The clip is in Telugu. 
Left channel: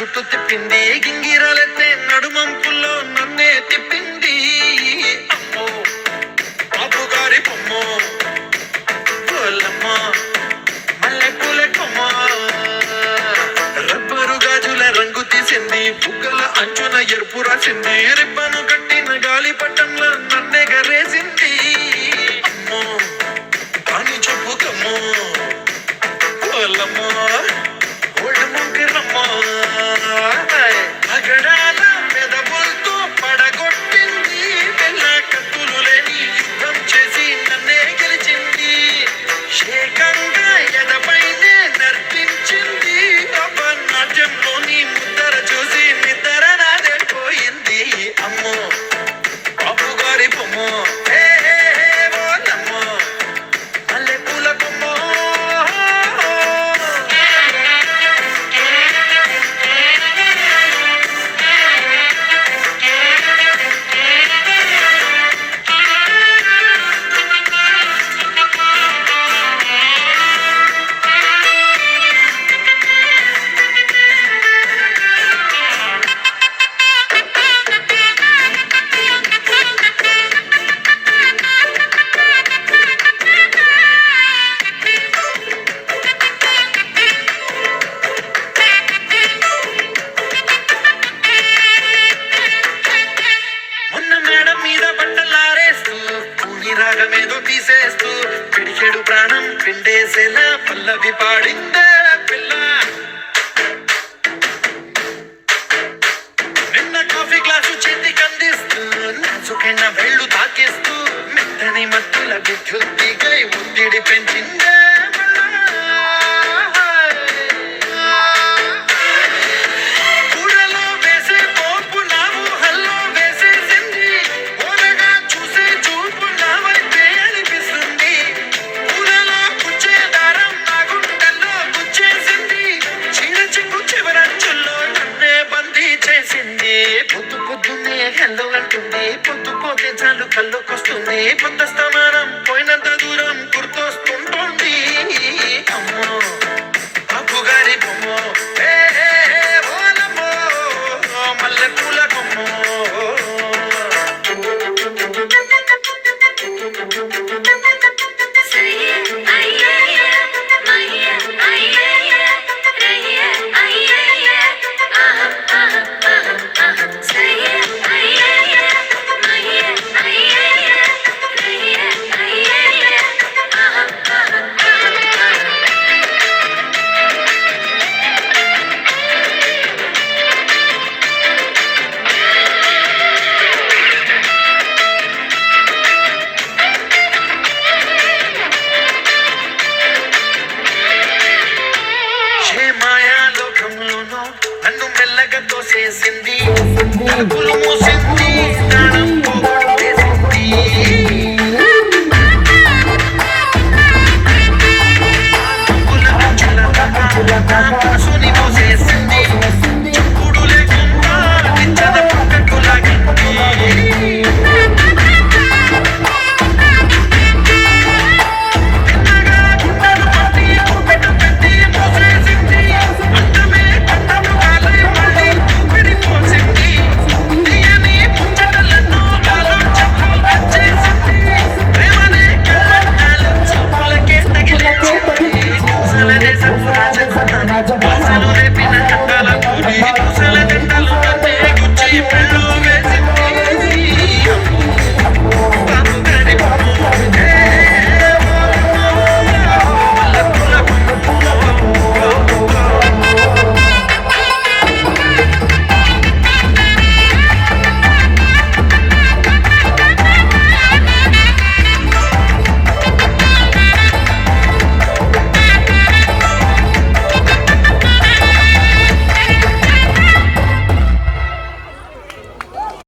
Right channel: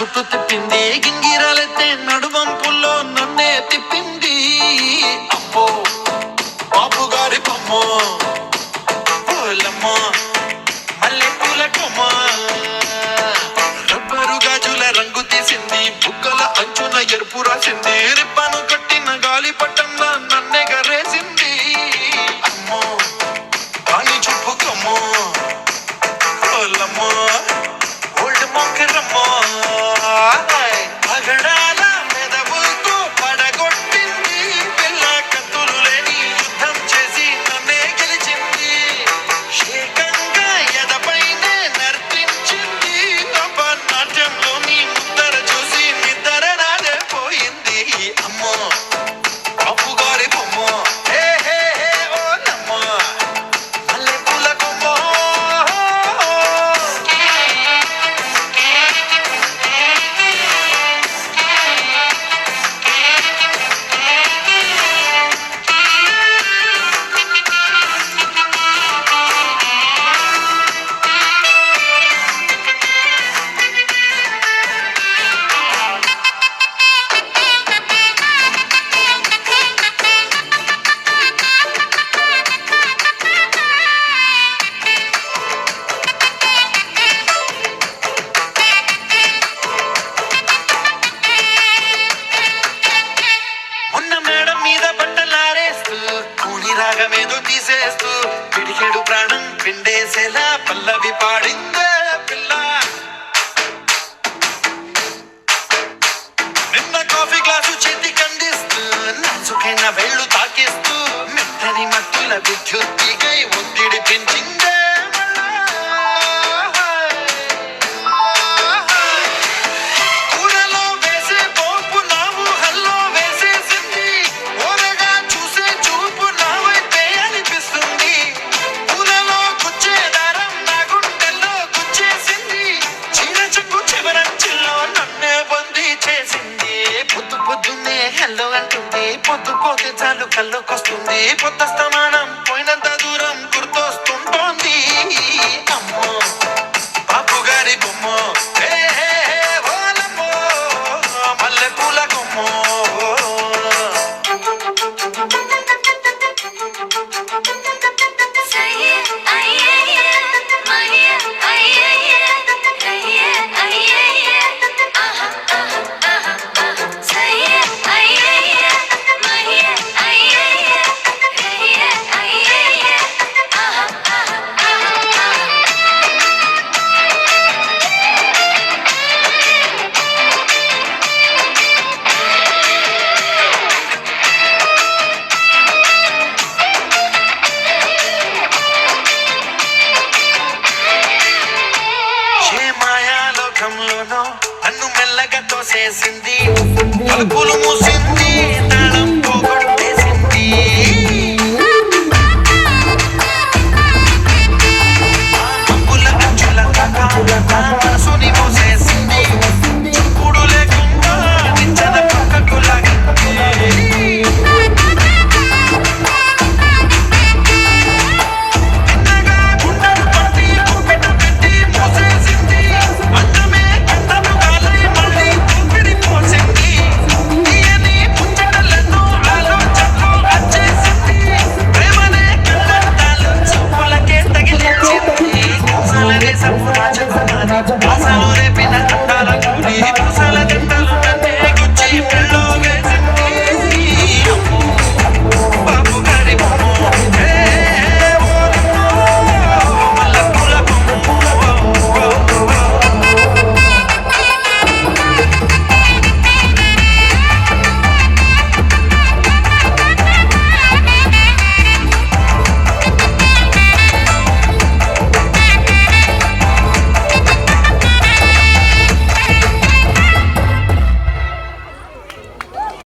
చుట్టూ తిప్పింది గింగిరాలెత్తే నడువంపుల్లో నన్నే తిప్పింది అమ్మో బాబు గారి బొమ్మో పోలమ్మో మల్లె పూల కొమ్మ రబ్బరు గాజుల రంగు తీసింది బుగ్గల అంచున ఎరుపు రాసింది రిబ్బను కట్టిన గాలి పట్టంలా నన్నే గరేసింది అమ్మో పాని చూపు కమ్మో పోలమ్మో ఓల్డ్ మొంకరమ్మో పగడాల మెదవులతో పడగొట్టింది పిల్ల కత్తులు లేని యుద్ధం చేసి నన్నే గెలిచింది ఏకంగా ఎదపైనే నర్తించింది అపనాట్యంలోని ముద్దర చూసి నిద్ర నాదే పోయింది అమ్మో బాపు గారి బొమ్మో హే హే హే ఓలమ్మో మల్లె పూల కొమ్మో మీద బట్టలారేస్తూ కూని రాగమేదో తీసేస్తూ పిడికెడు ప్రాణం పిండేసేలా పల్లవి పాడిందే పిల్ల నిన్న కాఫీ గ్లాసు చేతి కందిస్తూ నాచుకైన వేళ్ళు తాకేస్తూ మెత్తని మత్తుల విద్యుత్తిగై ఒత్తిడి పెంచిందే పొద్దు పొద్దున్నే హెల్లో అంటుంది పొద్దు పోతే చాలు కళ్ళొకొస్తుంది పొద్దు స్తమానం పోయినంత దూరం గుర్తొస్తుంటోంది అమ్మో బాపు గారి బొమ్మో హే హే హే ఓలమ్మో మల్లె పూల కొమ్మో నన్ను మెల్లగా తోసేసింది తలుపులు మూసింది తాళం పోగొట్టేసింది అంచుల మనసు